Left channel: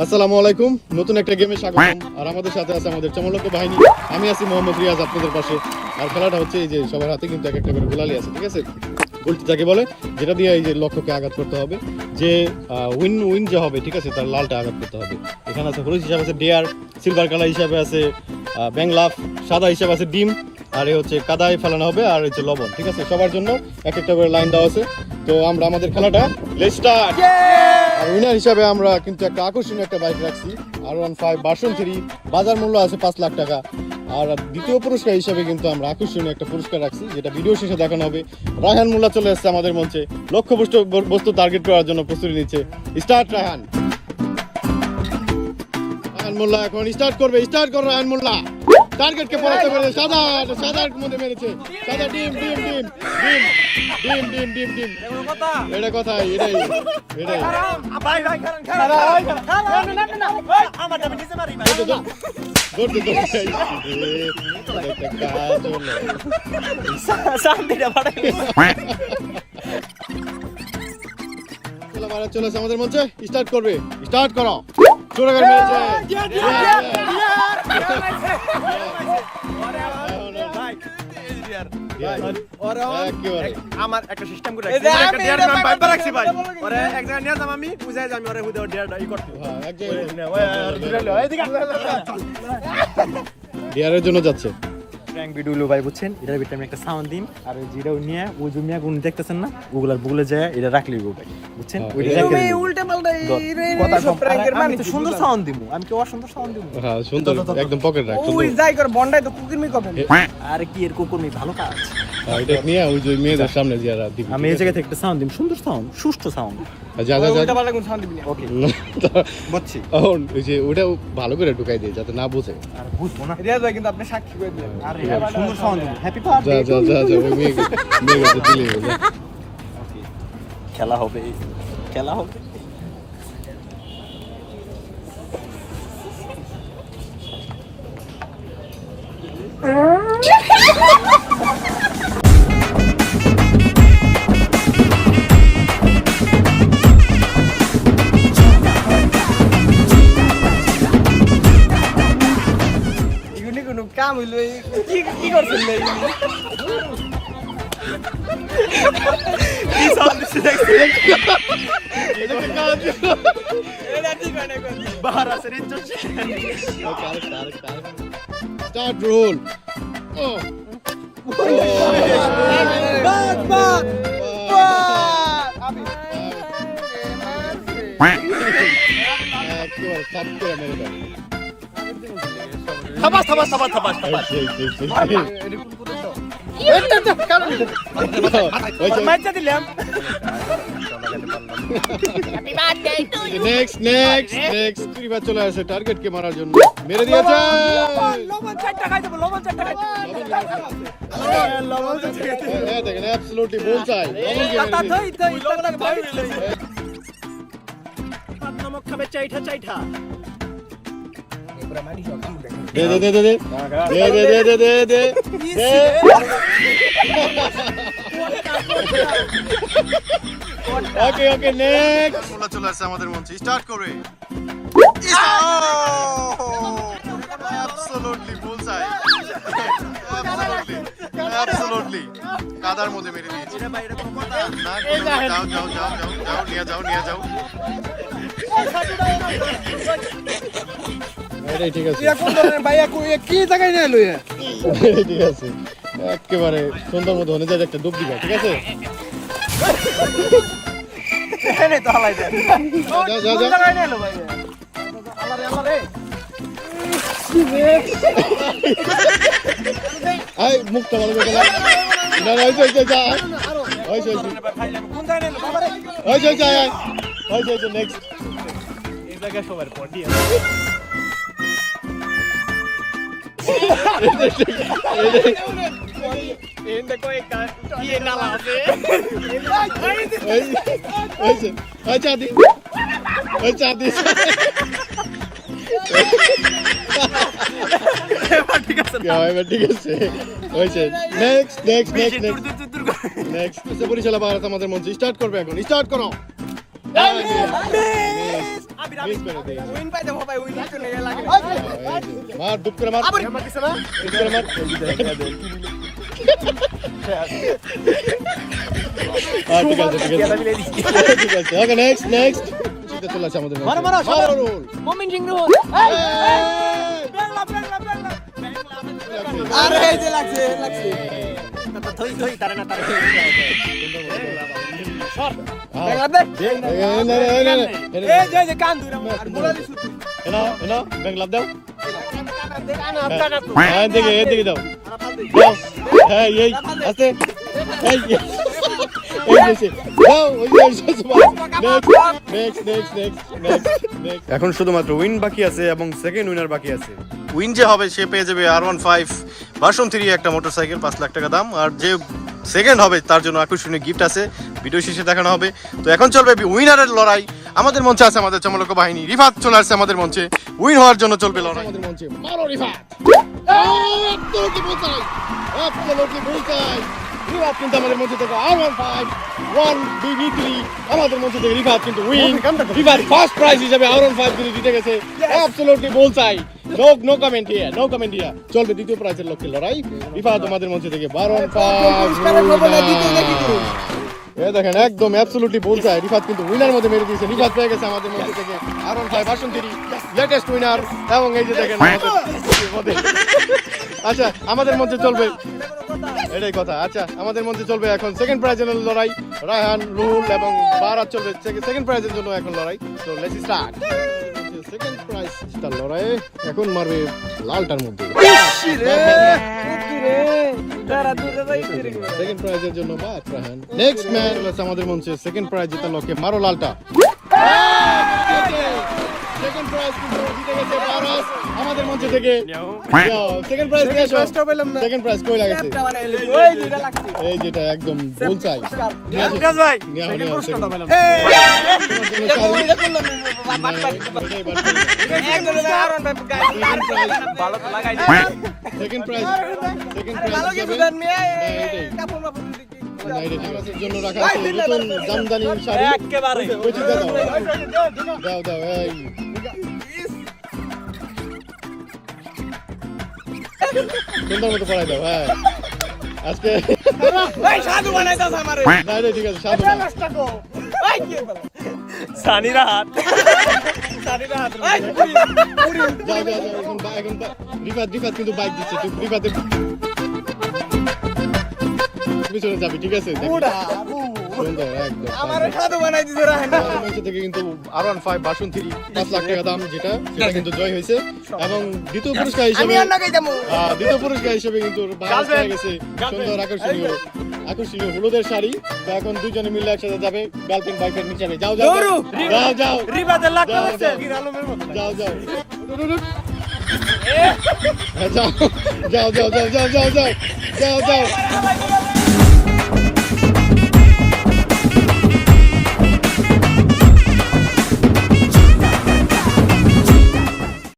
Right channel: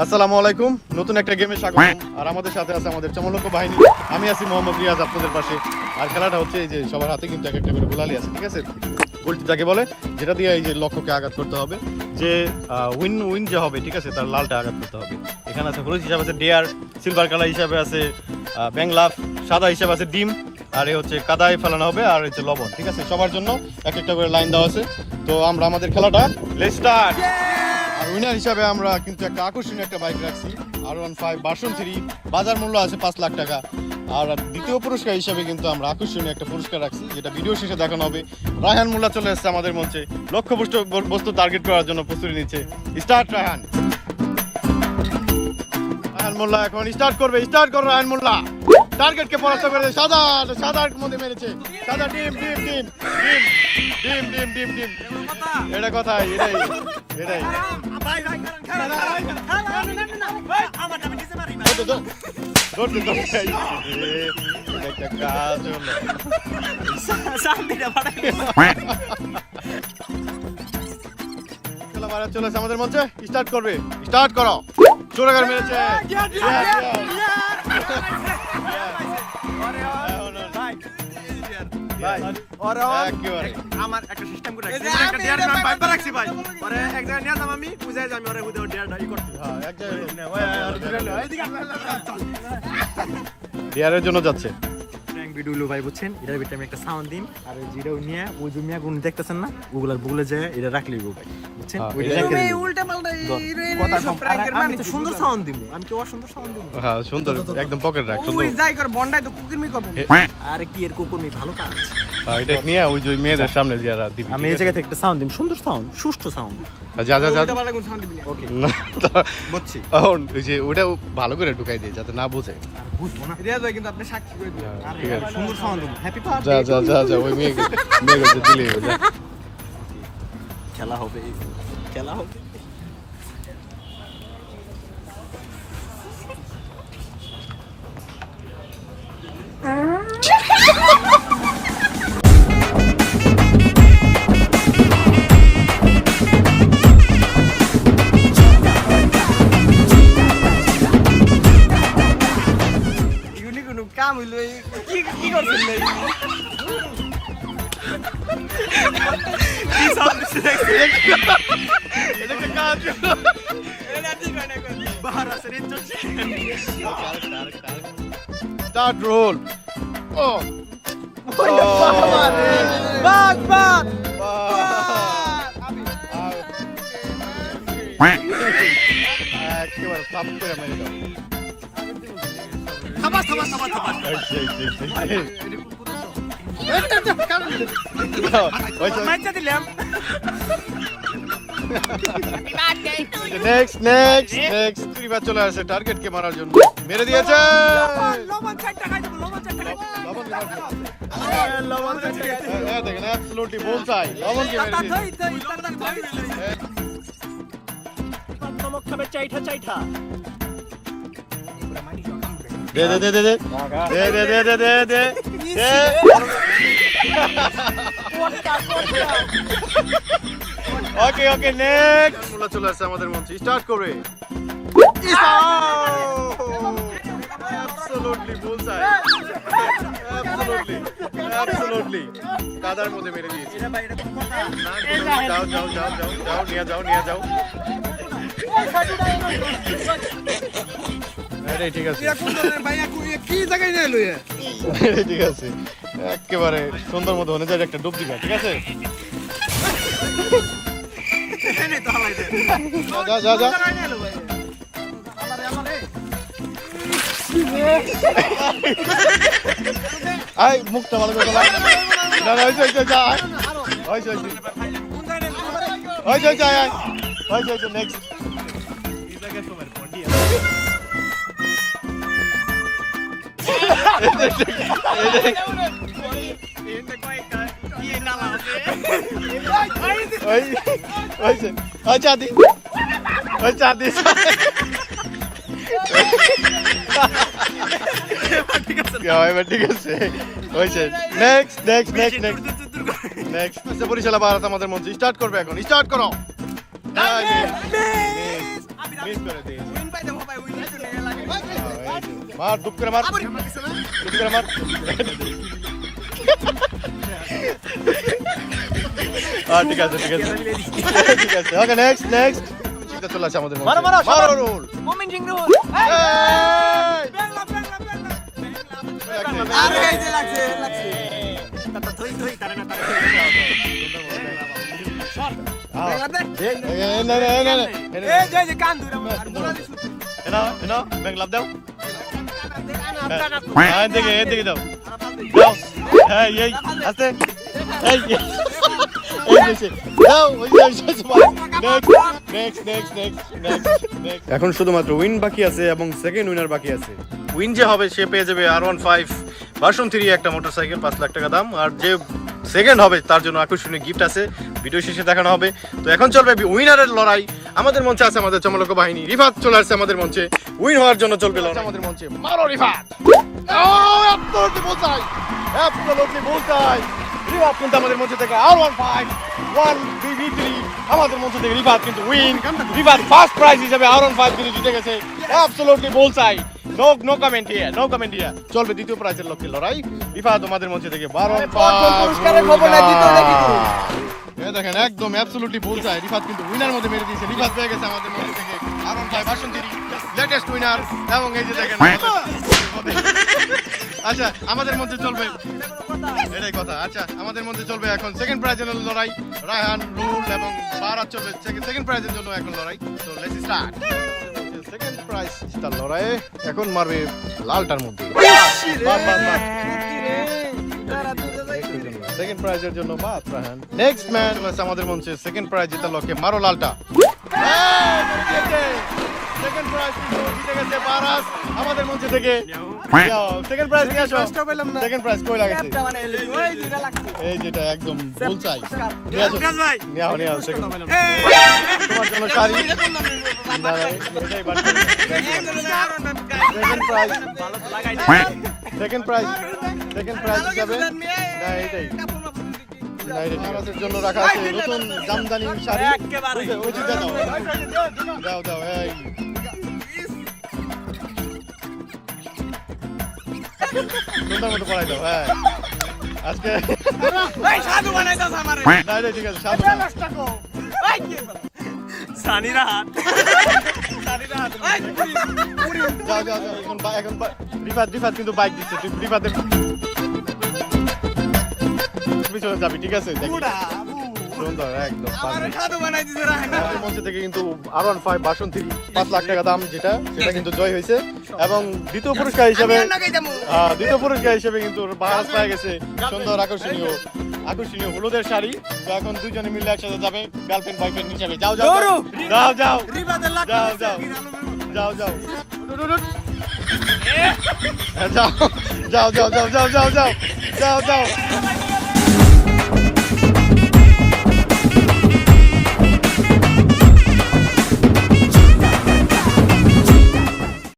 আসসালামু আলাইকুম, নতুন একটা গেমে স্বাগতম। আর আমাদের সাথে আছে আমাদের চমলক বাহিনী। আমি আছি মোহাম্মদ রিয়াজ আপনাদের পাশে। আর খেলাটা হচ্ছে এই যে সবার হাতে কিন্তু এক একটা করে গোলালি আছে, ঠিক আছে? গোলটি যাকে বলে, যেটা দিয়ে এই যে লক্ষ্যকে আঘাত করতে হবে, যে উইন যে হবে, ঠিক আছে, তার লালটা আঘাত করতে হবে। এখানে আছে হলুদ হিসাবে আছে ডেয়ার, সিলভার কালার হিসাবে আছে ব্যাংলাফ, সাদা হিসাবে আছে ডিম, আর এই হচ্ছে কাদায় ফেলানো হবে, আর হচ্ছে লবণ, ঠিক আছে? সবার জন্য এক একটা করে লাইন দেওয়া আছে। তো আমরা আমাদের খেলাটা লেটস স্টার্ট। আর উইনার হিসাবে আমরা কিন্তু একটা আকর্ষণীয় একটা বাইক রাখছি, R15 ভার্সন 3, বাজার মূল্য আছে 5 লাখ টাকা। আর দ্বিতীয় পুরস্কার হিসাবে কিন্তু আমরা আকর্ষণীয় একটা পুরস্কার রাখছি, যেটা ভিডিও শেষে দেখানো হবে। রায়হান মোল্লা চলে এসেছে আমাদের মঞ্চে, লক্ষ্য বস্তু টার্গেট করার জন্য প্রস্তুতি নিচ্ছে। স্টার্ট রায়হান। রায়হান মোল্লা এখন স্টার্ট করবে। স্টার্ট করো রায়হান মোল্লা। টার্গেটকে পরাস্ত করে সাদার মধ্যে মেরেছে। সাদা ডিম ডিম ডিম ডিম ডিম ডিম ডিম ডিম। এটা কথাই, এটাই এটাই। চলে আসে আমাদের মঞ্চে, স্টার্ট করবে। স্টার্ট করো। চোরাগার মেরেছে। আমার একটা সিস্টেম করে রাখছি, একটা ডিয়ার নাম ভাইবার রাখছি ভাই। ওরে এক জায়গায় নিয়ে যাম, আমি বুঝাই যাম ওরে হুদে ডিয়ারটা ই করতে। হ্যাঁ, এক জায়গায় ডিয়ারের জন্য যাচ্ছে। প্র্যাঙ্ক ভিডিও লো ভাই, বুঝছেন? এটার ভিতরে আমি একটা সাউন্ড দিন, আর যেটা নিয়ে ওই জমিয়া গুণ দেখতেছেন না, ওগুলার বুগলে যায় এটা রাখলি গো ভাই, বুঝছেন? ওইটা রাখলে তুমি উল্টা পাল্টা কথা কম। আমি তো সুন্দর সাউন্ড দিমু, আমি কি অসুন্দর সাউন্ড দিমু? হ্যাঁ, সুন্দর, একদম পকেট রাখ। সুন্দর। ওই যাই করে বন্ডাই তো কুকুরমি করবেন। আরে কি এর কুকুরমি ভালো কাজ। এটা নিয়ে ওই যে মেয়েদের সামনে যারা দিবি। আমি এই জায়গা থেকে একটা সাউন্ড দিম, সুন্দর সাউন্ড, সুষ্ঠু সাউন্ড। যা যা যা। উল্টা পাল্টা কোন সাউন্ড দিবি না। ওকে, বুঝছি। এখন ওই যে ওটা ভালো করে ঢুকাই দে যাতে না বোঝে। আর বুঝবো না। রিয়াজ ভাই কিন্তু আপনি সাক্ষী করে দিলেন। আরে ঠিক আছে। সুন্দর সাউন্ড দিমু। হ্যাপি যা বার্থডে। যা যা যা ওই মেয়েকে দিলে হবে। খেলা হবে, খেলা হবে। এগুলি কোনো কাম হইলো, কি কি করছেন ভাই? কি সাউন্ড দিছে দেখছেন? এটা একটা কাজ। এটা ঠিক হয় না কোন। বাহার আছে রে চলছে। Start role. ও বাদ বাদ। একেবারে সাপ করে মেরে দাও। থাবাস থাবাস থাবাস থাবাস। বাচ্চা দিলাম। নেক্সট চলে আসে টার্গেটকে মারার জন্য। মেরে দিয়েছে। লবণ চারটা খাই দেব, লবণ চারটা খাই। লবণ দেখেন, অ্যাবসলিউটলি বুলসাই। লবণকে মেরে দিয়েছে। নমক খাবে চাইঠা চাইঠা। দে দে দে দে দে দে দে দে দে দে দে দে। ওকে ওকে, নেক্সট। মোল্লা চলে আসছে আমাদের মঞ্চে, স্টার্ট করে। অ্যাবসলিউটলি বুলসাই। অ্যাবসলিউটলি কাদার মধ্যে মেরে দিয়েছে। না, যাও যাও যাও যাও যাও, নিয়ে যাও নিয়ে যাও। এটাই ঠিক আছে। ইয়া কোন ধরনের ভাইয়া কি জায়গায় নিয়ে এলো এ? এটাই ঠিক আছে। একেবারে সুন্দর মতো হয়ে যায় একটা ডুব দিবা, ঠিক আছে? এনে তো হালাই দে। যা যা যা। জায়গায় নিয়ে এলো ভাই। আল্লাহ রে। আই মুখটা ভালো করে লাগা। না না, হইছে যা। হইছে কোন জায়গায় নিয়ে এলো বাবা রে? হইছে আয়। হইছে নেক্সট। এই জায়গা সবার পটি। এন্ড কই কি নালা আছে? হইছে চাঁদি। ওই চাঁদি। ঠিক আছে এবার ঠিক আছে হয়েছে। Next next next next next Barishal Bharat আমাদের মঞ্চে স্টার্ট করবে এখন। স্টার্ট করো। মিস করে দিয়েছে উইন পাইতে ভাই উইন তো নেই লাগে মার দুপ করে মার দুপ করে মার ঠিক আছে ঠিক আছে ওকে নেক্সট চিন্তা চলে আসে আমাদের মধ্যে মারো রোল মোমেন্ট সিং রোল আরে এই যে লাগছে থই তারে না তারে এই যে কান ধরে আর মুরালি সুতি এনা ব্যাংক লাভ দাও কানা হ্যাঁ দেখে দাও হ্যাঁ এই আস্তে এই এখন শুধুমাত্র উইন বাকি আছে এবং সেকেন্ড উইনার বাকি আছে উইন যে হবে সে পেয়ে যাবে R15 ভার্সন 3 একটা মোটরসাইকেল 5 লাখ টাকা দাম আর যে সেকেন্ড হবে তার জন্য আকর্ষণীয় গিফট আছে ভিডিও শেষে দেখানো হবে তো এখন চলবে উইনারের লড়াই আমাদের মঞ্চে আছে আমাদের চমলক বাহিনী রিফাত চলে আসছে আমাদের মঞ্চে উইন হওয়ার জন্য চলবে লড়াই আমাদের মঞ্চে মারো রিফাত রিফাত কিন্তু আমাদের মঞ্চে থেকে R15 1BB3 আমাদের মঞ্চে থেকে রিফাত কিন্তু উইন রিফাত ফার্স্ট প্রাইজ হিসেবে R15 কিন্তু জিতে গেছে অ্যাবসলিউটলি বুলসাই নো কমেন্ট হিয়ার চলবে দ্বিতীয় প্রাইজের লক্ষ্যে লড়াই রিফাত আমাদের মঞ্চে থেকে R15 দেখেন একদম অ্যাবসলিউটলি বুলসাই রিফাত কিন্তু উইনার মধ্যে মেরে দিয়েছে রিফাত পেয়ে গেছে আমাদের মঞ্চে থেকে R15 ভার্সন 3 লেটেস্ট উইনার এবং এই যে দেখেন আচ্ছা আমাদের মধ্যে চলবে এটাই কথা আচ্ছা আমাদের মধ্যে চলবে এখন সেকেন্ড প্রাইজের লড়াই রায়হান লুল এবং বারাত চলবে সেকেন্ড প্রাইজের জন্য এখন লড়াই তো let's start second prize star লড়াই এখন মারবে লালটার মধ্যে সেকেন্ড প্রাইজের জন্য বাত রায়হান নেক্সট ম্যান আমাদের মঞ্চে সেকেন্ড প্রাইজ জেতার লক্ষ্যে মারো লালটা সেকেন্ড প্রাইজ কিন্তু জিতে গেছে বারাস আমাদের মঞ্চে থেকে সেকেন্ড প্রাইজ নিয়ে আসো সেকেন্ড প্রাইজ কই লাগেছে ওই দুইটা লাগছে এই যেটা একদম বুলসাই বিকাশ ভাই নিয়ে সেকেন্ড ভালো তো লাগাই সেকেন্ড প্রাইজ হিসাবে জন্য রাখা আছে নতুন জামদানি শাড়ি একেবারে ওই চিন্তা দাও এই সুন্দর মতো পড়াই দাও হ্যাঁ আজকে এই সাধু বানাইতাছ আমারে না ঠিক আছে সাধু না। এই কি সানিরা হাত এই পুরি যাও এখন রিফাত কিন্তু বাইক দিচ্ছে তুই রিফাতের পিছনে যাবি ঠিক আছে বুড়া সুন্দর একদম আমারে সাধু বানাই দিছে রাহেন আমাদের মঞ্চে থেকে কিন্তু R15 ভার্সন 3 5 লাখ টাকা দাম যেটা কিন্তু জয় হয়েছে এবং দ্বিতীয় পুরস্কার আমি হিসেবে আর না গাইতাম দ্বিতীয় পুরস্কার হিসেবে কিন্তু বাস পেয়ে গেছে সুন্দর আকর্ষণীয় হলুদের শাড়ি তো এখন দুজনে মিলে একসাথে যাবে গার্লফ্রেন্ড বয়ফ্রেন্ড হিসেবে যাও রিবাতে লাখ যাও, আছে যাও। গির আলমের মতো যাও যাও